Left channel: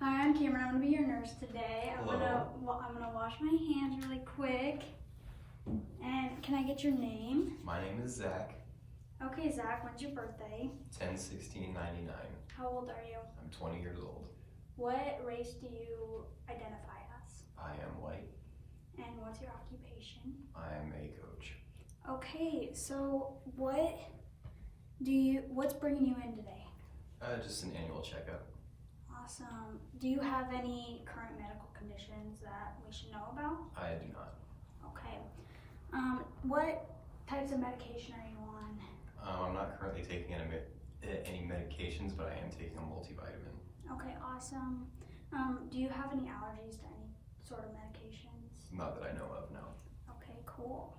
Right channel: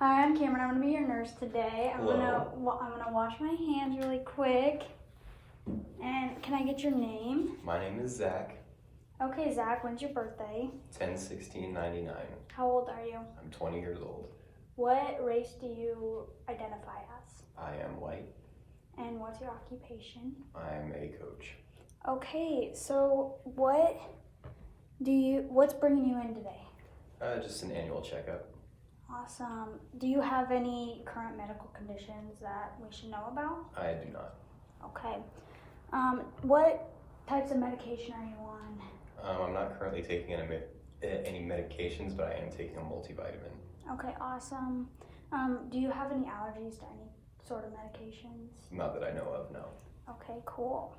Hi, I'm Cameron. I'm gonna be your nurse today. I'm Hello. gonna wash my hands really quick. And can I get your name? My name is Zach. Okay, Zach. When's your birthday? 10/16/99. How old are you? I'm 20 years old. What race do you identify as? I am white. And what's your occupation? I am a coach. Okay, so what's bringing you in today? Just an annual checkup. Awesome. Do you have any current medical conditions that we should know about? I do not. Okay. What types of medication are you on? I'm not currently taking any medications, but I am taking a multivitamin. Okay, awesome. Do you have any allergies to any sort of medications? Not that I know of, no. Okay, cool.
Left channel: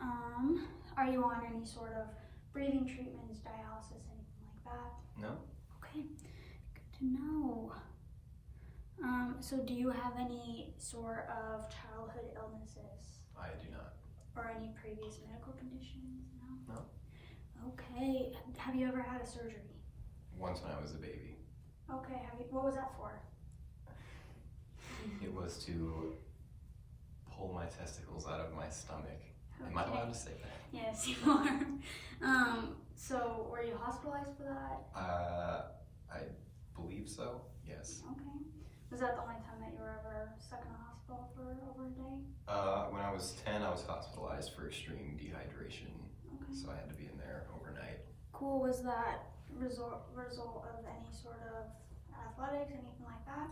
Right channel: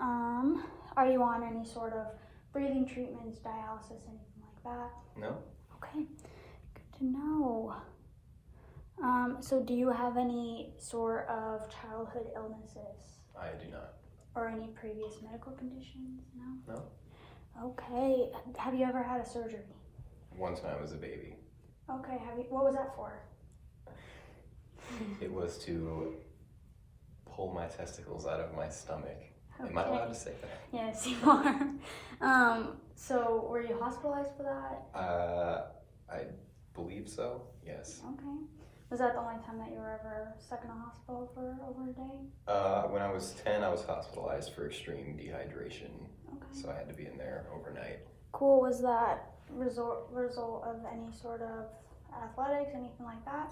Are you on any sort of breathing treatments, dialysis, anything like that? No? Okay, good to know. So do you have any sort of childhood illnesses I do not. or any previous medical conditions? No? No? Okay, have you ever had a surgery? Once when I was a baby. Okay, what was that for? It was to pull my testicles out of my stomach. Okay. Am I allowed to say that? Yes, you are. So were you hospitalized for that? I believe so, yes. Okay. Was that the only time that you were ever stuck in a hospital for over a day? When I was 10, I was hospitalized for extreme dehydration. Okay. So I had to be in there overnight. Cool. Was that result of any sort of athletics, anything like that?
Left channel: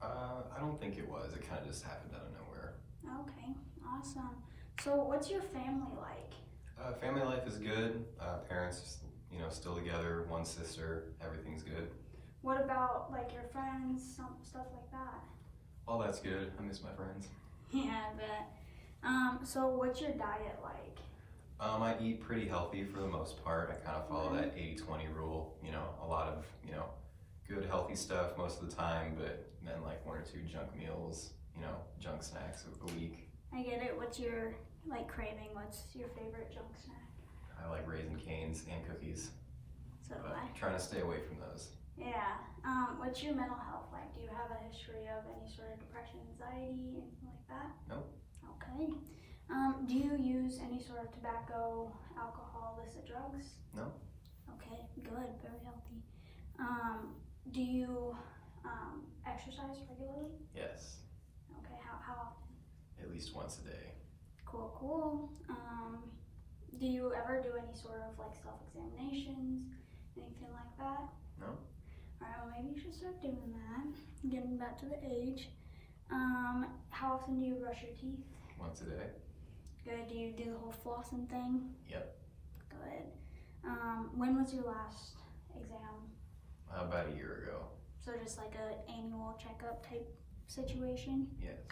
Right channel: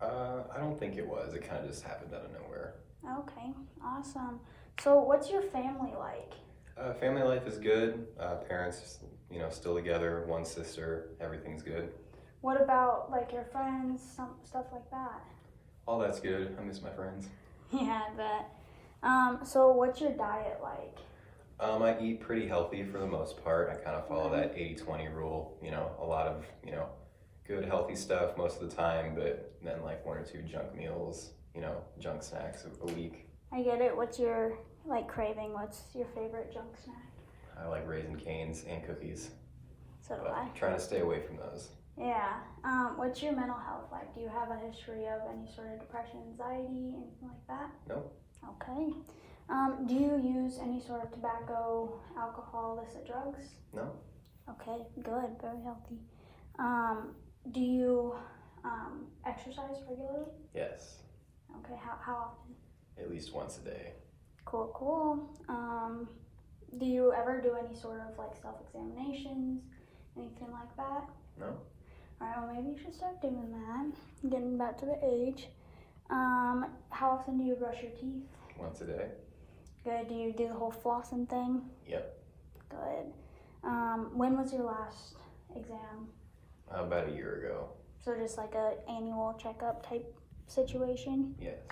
I don't think it was. It kind of just happened out of nowhere. Okay, awesome. So what's your family like? Family life is good. Parents, still together. One sister. Everything's good. What about like your friends, stuff like that? All that's good. I miss my friends. Yeah, I bet. So what's your diet like? I eat pretty healthy for the most part. I kind of follow that 80-20 rule. A lot of, good healthy stuff most of the time, but then like one or two junk meals, junk snacks a week. I get it. What's your craving? What's your favorite junk snack? I like Raisin Canes and cookies. So do But I. I'm trying to stay away from those. Yeah. What's your mental health like? Do you have a history of any sort of depression, anxiety, anything like that? No. Okay. Do you use any sort of tobacco, alcohol, illicit drugs? No. Okay, good. Very healthy. Do you exercise regularly? Yes. Okay. How often? At least once a day. Cool. Do you ever do any sort of self-examinations, anything like that? No. Alright, well maybe you should start doing that. Getting back to the age. How often do you brush your teeth? Once a day. Good. Do you do the whole flossing thing? Yep. Good. When was your last exam? About a year ago. So just like a annual checkup type situation? Yes.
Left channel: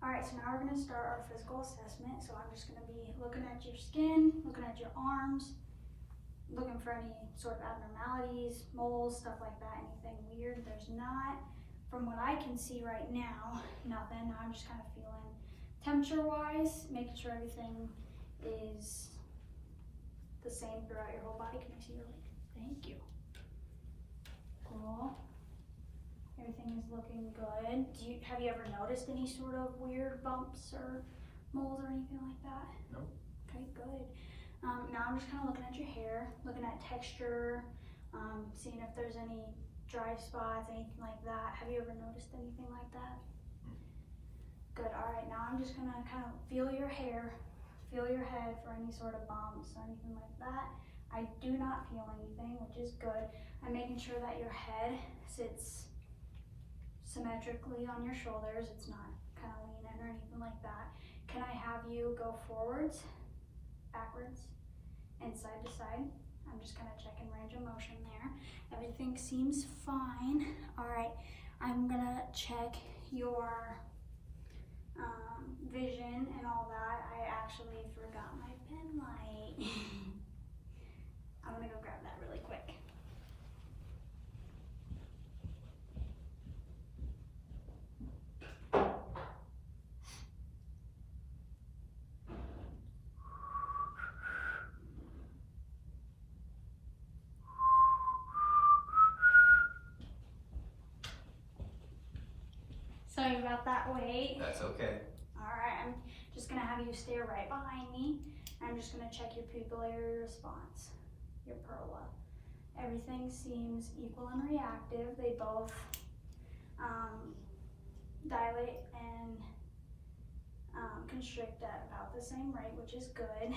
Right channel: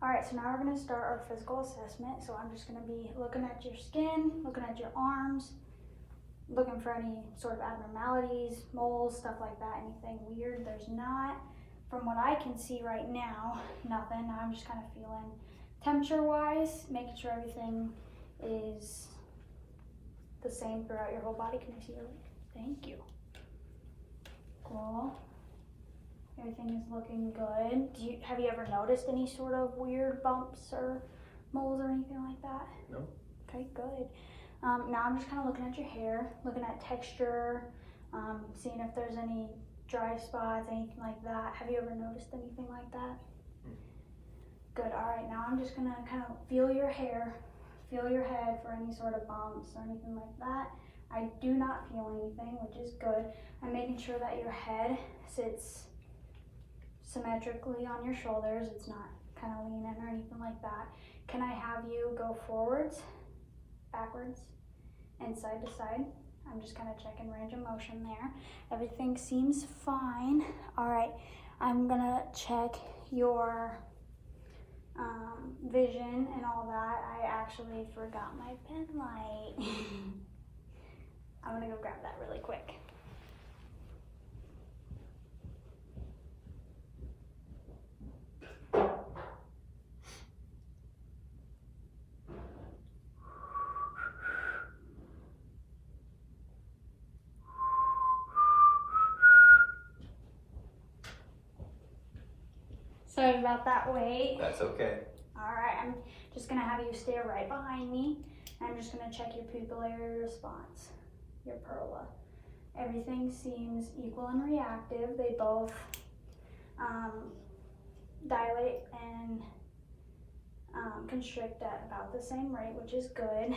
Alright, so now we're going to start our physical assessment. So I'm just going to be looking at your skin, looking at your arms, looking for any sort of abnormalities, moles, stuff like that, anything weird. There's not. From what I can see right now, nothing. I'm just kind of feeling temperature-wise, making sure everything is the same throughout your whole body. Can I see your leg? Thank you. Cool. Everything is looking good. Have you ever noticed any sort of weird bumps or moles or anything like that? No. Okay, good. Now I'm just kind of looking at your hair, looking at texture, seeing if there's any dry spots, anything like that. Have you ever noticed anything like that? Good. All right, now I'm just gonna kind of feel your hair, feel your head for any sort of bumps or anything like that. I do not feel anything, which is good. I'm making sure that your head sits symmetrically on your shoulders. It's not kind of leaning or anything like that. Can I have you go forwards, backwards, and side to side? I'm just kind of checking range of motion there. Everything seems fine. All right, I'm gonna check your vision and all that. I actually forgot my pen light. I'm gonna go grab that really quick. Sorry about that weight. That's okay. Alright, I'm just gonna have you stare right behind me. I'm just gonna check your pupillary response, your perla. Everything seems equal and reactive. They both dilate and constrict at about the same rate, which is good.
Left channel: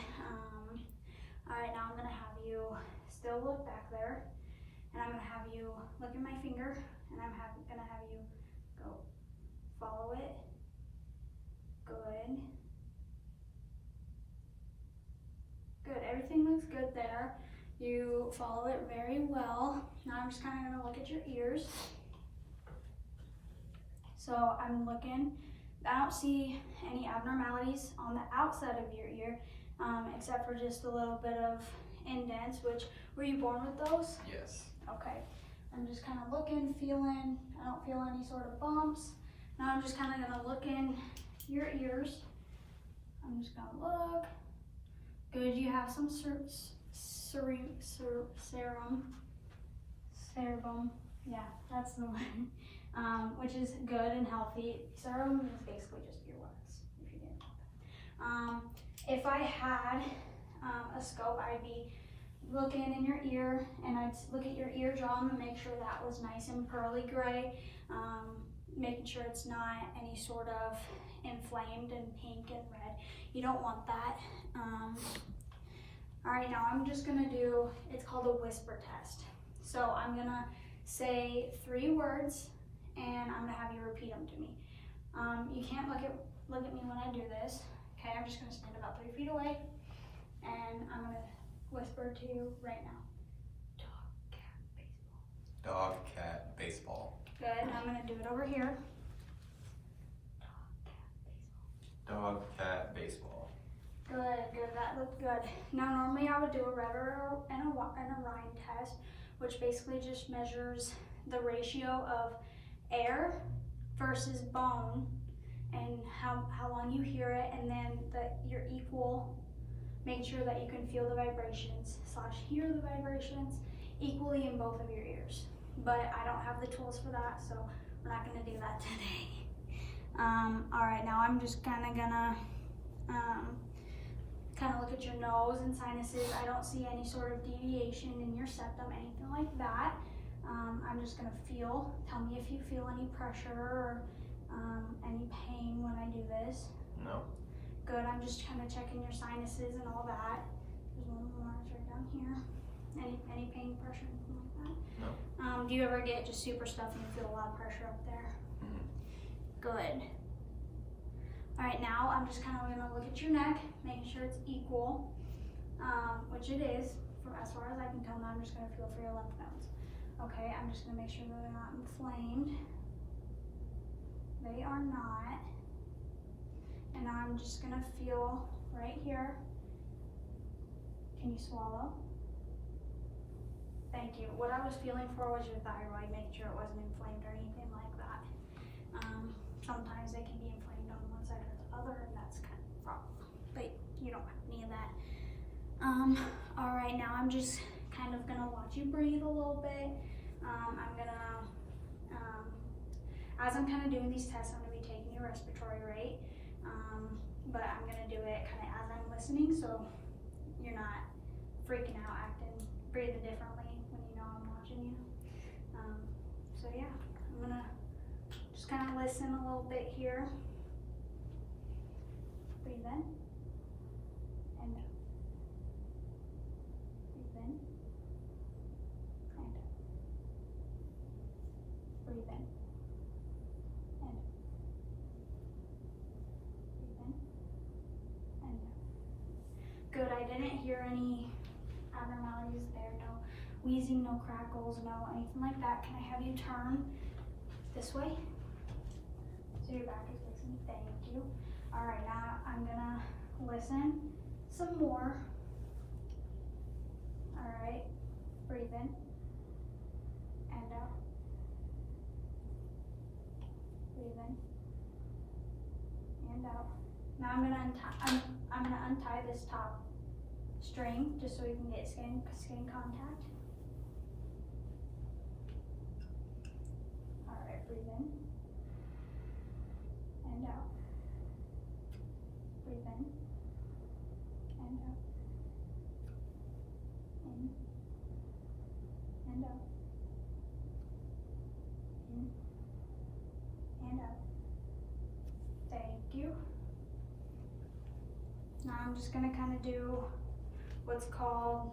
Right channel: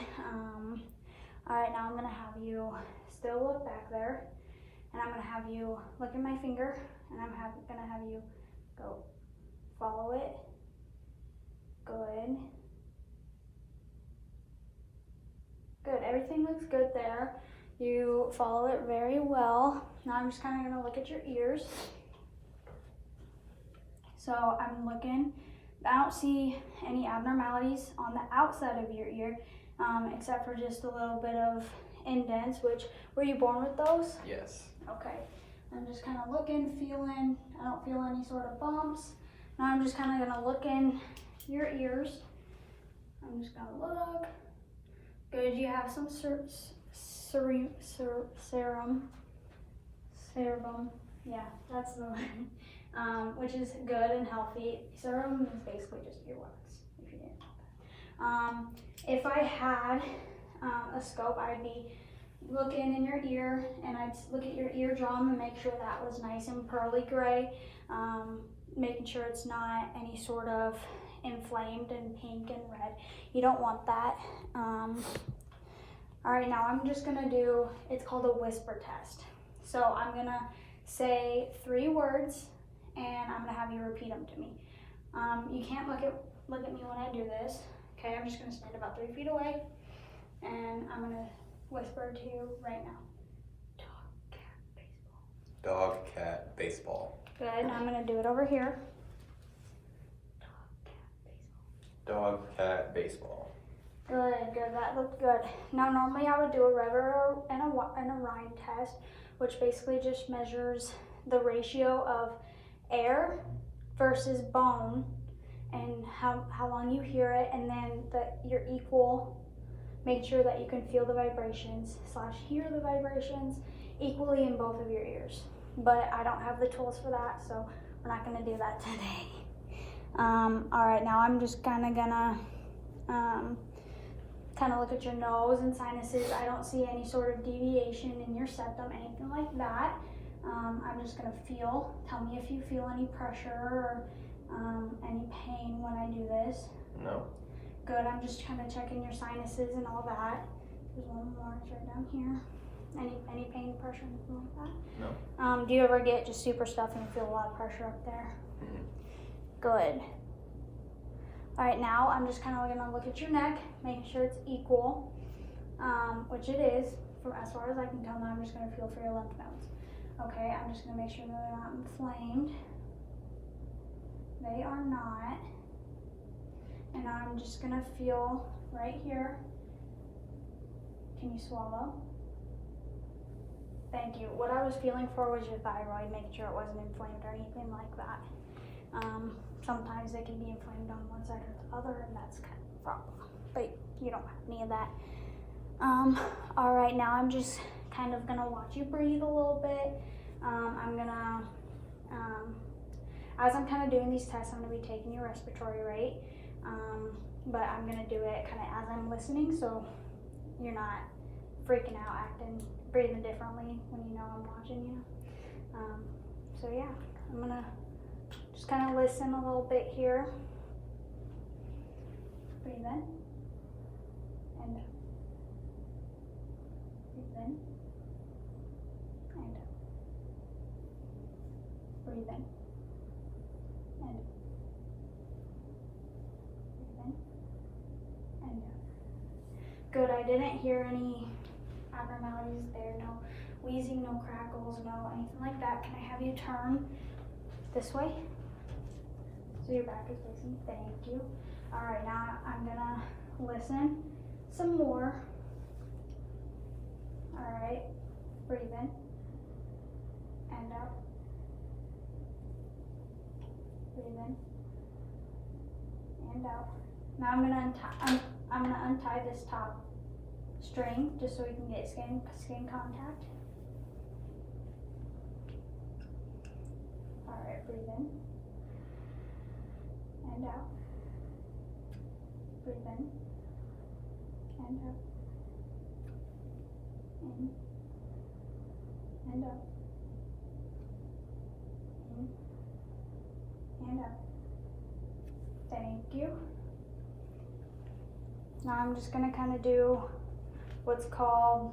Alright, now I'm gonna have you still look back there, and I'm gonna have you look at my finger, and I'm gonna have you go follow it. Good. Good, everything looks good there. You follow it very well. Now I'm just kind of gonna look at your ears. So I'm looking, I don't see any abnormalities on the outside of your ear, except for just a little bit of indents, which, were you born with those? Yes. Okay. I'm just kind of looking, feeling, I don't feel any sort of bumps. Now I'm just kind of gonna look in your ears. I'm just gonna look. Good, you have some cerebum. Yeah, that's the one. Which is good and healthy. Serum is basically just earwax, if you didn't know that. If I had a scope, I'd be looking in your ear, and I'd look at your eardrum and make sure that was nice and pearly gray, making sure it's not any sort of inflamed and pink and red. You don't want that. All right, now I'm just gonna do, it's called a whisper test. So I'm gonna say 3 words, and I'm gonna have you repeat them to me. You can't look at me when I do this. Okay, I'm just gonna stand about 3 feet away, and I'm gonna whisper to you right now. Dog, cat, baseball. Dog, cat, baseball. Good, and I'm gonna do it over here. Dog, cat, baseball. Good, good, that looked good. Now normally I would do a Rever and a Rhine test, which basically just measures the ratio of air versus bone and how long you hear it, and then that you're equal. Make sure that you can feel the vibrations / hear the vibrations equally in both of your ears. But I don't have the tools for that, so we're not gonna do that today. All right, now I'm just kind of gonna look at your nose and sinuses. I don't see any sort of deviation in your septum, anything like that. I'm just gonna feel. Tell me if you feel any pressure or any pain when I do this. No. Good, I'm just kind of checking your sinuses and all that. There's one more, it's right down here. Any pain, pressure, anything like that? No. Do you ever get just super stuffy and feel a lot of pressure up there? Mm-hmm. Good. All right, now I'm just kind of gonna look at your neck, making sure it's equal, which it is, from as far as I can tell. Now I'm just gonna feel for your lymph nodes. Okay, I'm just gonna make sure that they're not inflamed. They are not. And now I'm just gonna feel right here. Can you swallow? Thank you. What I was feeling for was your thyroid, making sure it wasn't inflamed or anything like that. Sometimes they can be inflamed on one side or the other, and that's kind of a problem. But you don't have any of that. All right, now I'm just kind of gonna watch you breathe a little bit. I'm gonna, as I'm kind of doing these tests, I'm gonna be taking your respiratory rate. But I'm gonna do it kind of as I'm listening, so you're not freaking out, breathing differently when you know I'm watching you. So yeah, I'm gonna just kind of listen a little bit here. Breathe in and out. Breathe in and out. Breathe in and out. Breathe in and out. Good, I didn't hear any abnormalities there. No wheezing, no crackles, no anything like that. Can I have you turn this way? So your back is facing. Thank you. All right, now I'm gonna listen some more. All right, breathe in and out. Breathe in and out. Now I'm gonna untie this top string just so we can get skin contact. All right, breathe in out. Breathe in. And out. In. And out. In. And out. Thank you. Now I'm just gonna kind of do what's called,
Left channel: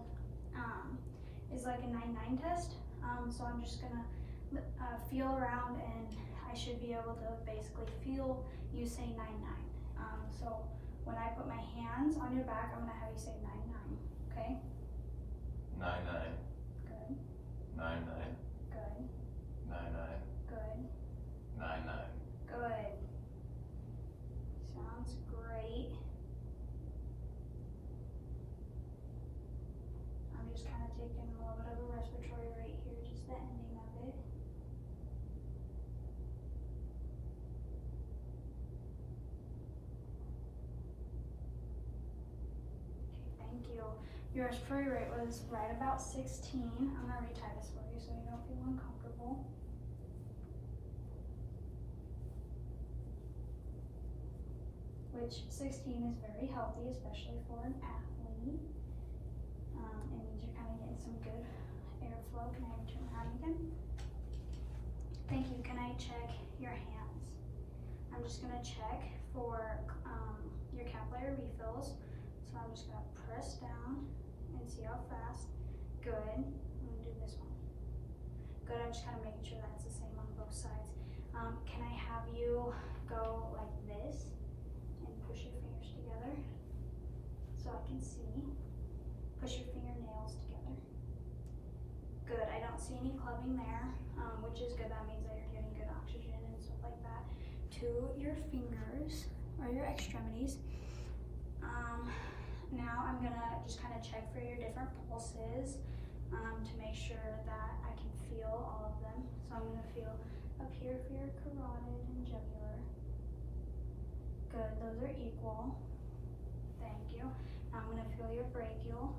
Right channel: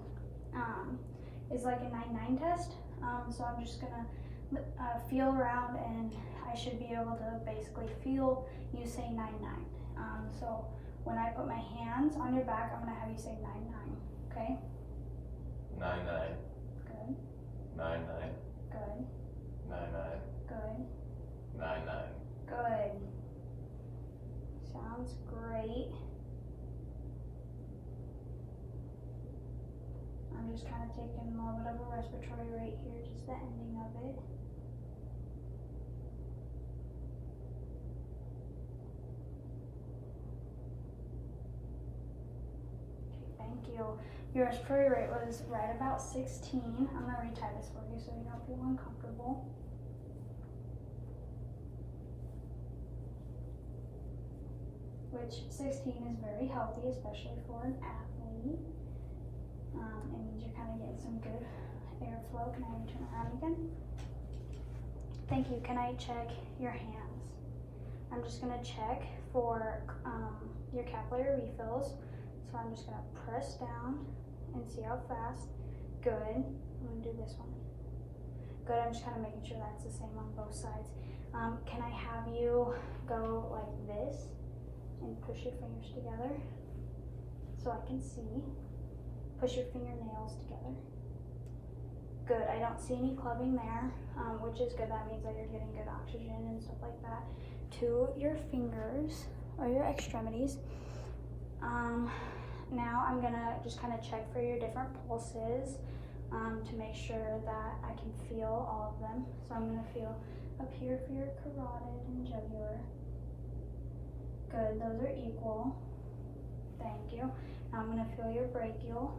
is like a 9-9 test. So I'm just gonna feel around, and I should be able to basically feel you say 9-9. So when I put my hands on your back, I'm gonna have you say 9-9, okay? 9-9. Good, 9-9. good, 9-9. good, 9-9. good. Sounds great. I'm just kind of taking a little bit of a respiratory right here, just the ending of it. Okay, thank you. Your respiratory rate was right about 16. I'm gonna retie this for you so you don't feel uncomfortable. Which 16 is very healthy, especially for an athlete. It means you're kind of getting some good airflow. Can I have you turn around again? Thank you. Can I check your hands? I'm just gonna check for your capillary refills. So I'm just gonna press down and see how fast. Good. I'm gonna do this one. Good. I'm just kind of making sure that's the same on both sides. Can I have you go like this and push your fingers together so I can see? Push your fingernails together. Good. I don't see any clubbing there, which is good. That means that you're getting good oxygen and stuff like that to your fingers or your extremities. Now I'm gonna just kind of check for your different pulses to make sure that I can feel all of them. So I'm gonna feel up here for your carotid and jugular. Good. Those are equal. Thank you. Now I'm gonna feel your brachial.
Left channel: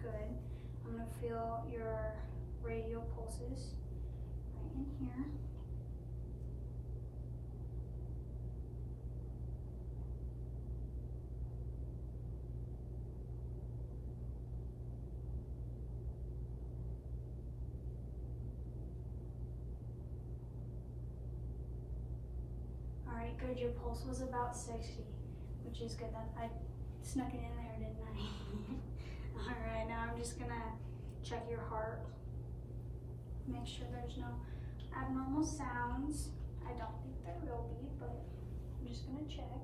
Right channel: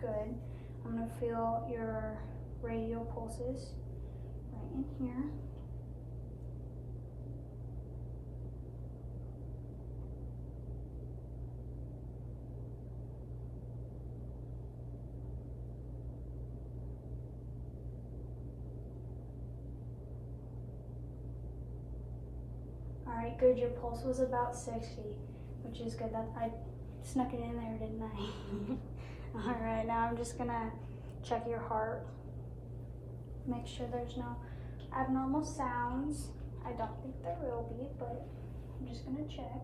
Good. I'm gonna feel your radial pulses right in here. Alright, good. Your pulse was about 60, which is good. That I snuck it in there, didn't I? Alright, now I'm just gonna check your heart. Make sure there's no abnormal sounds. I don't think there will be, but I'm just gonna check.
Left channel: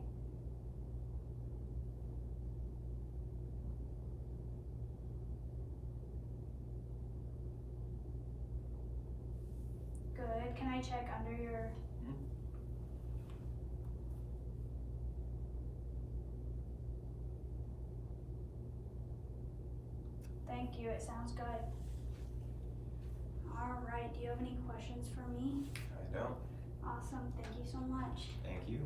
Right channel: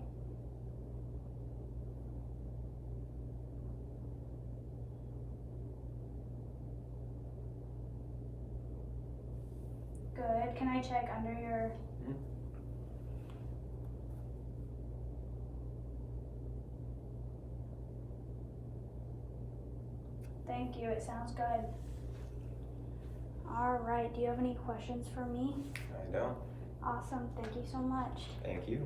Good. Can I check under your... Thank you, it sounds good. All right, do you have any questions for me? I don't. Awesome, thank you so much. Thank you.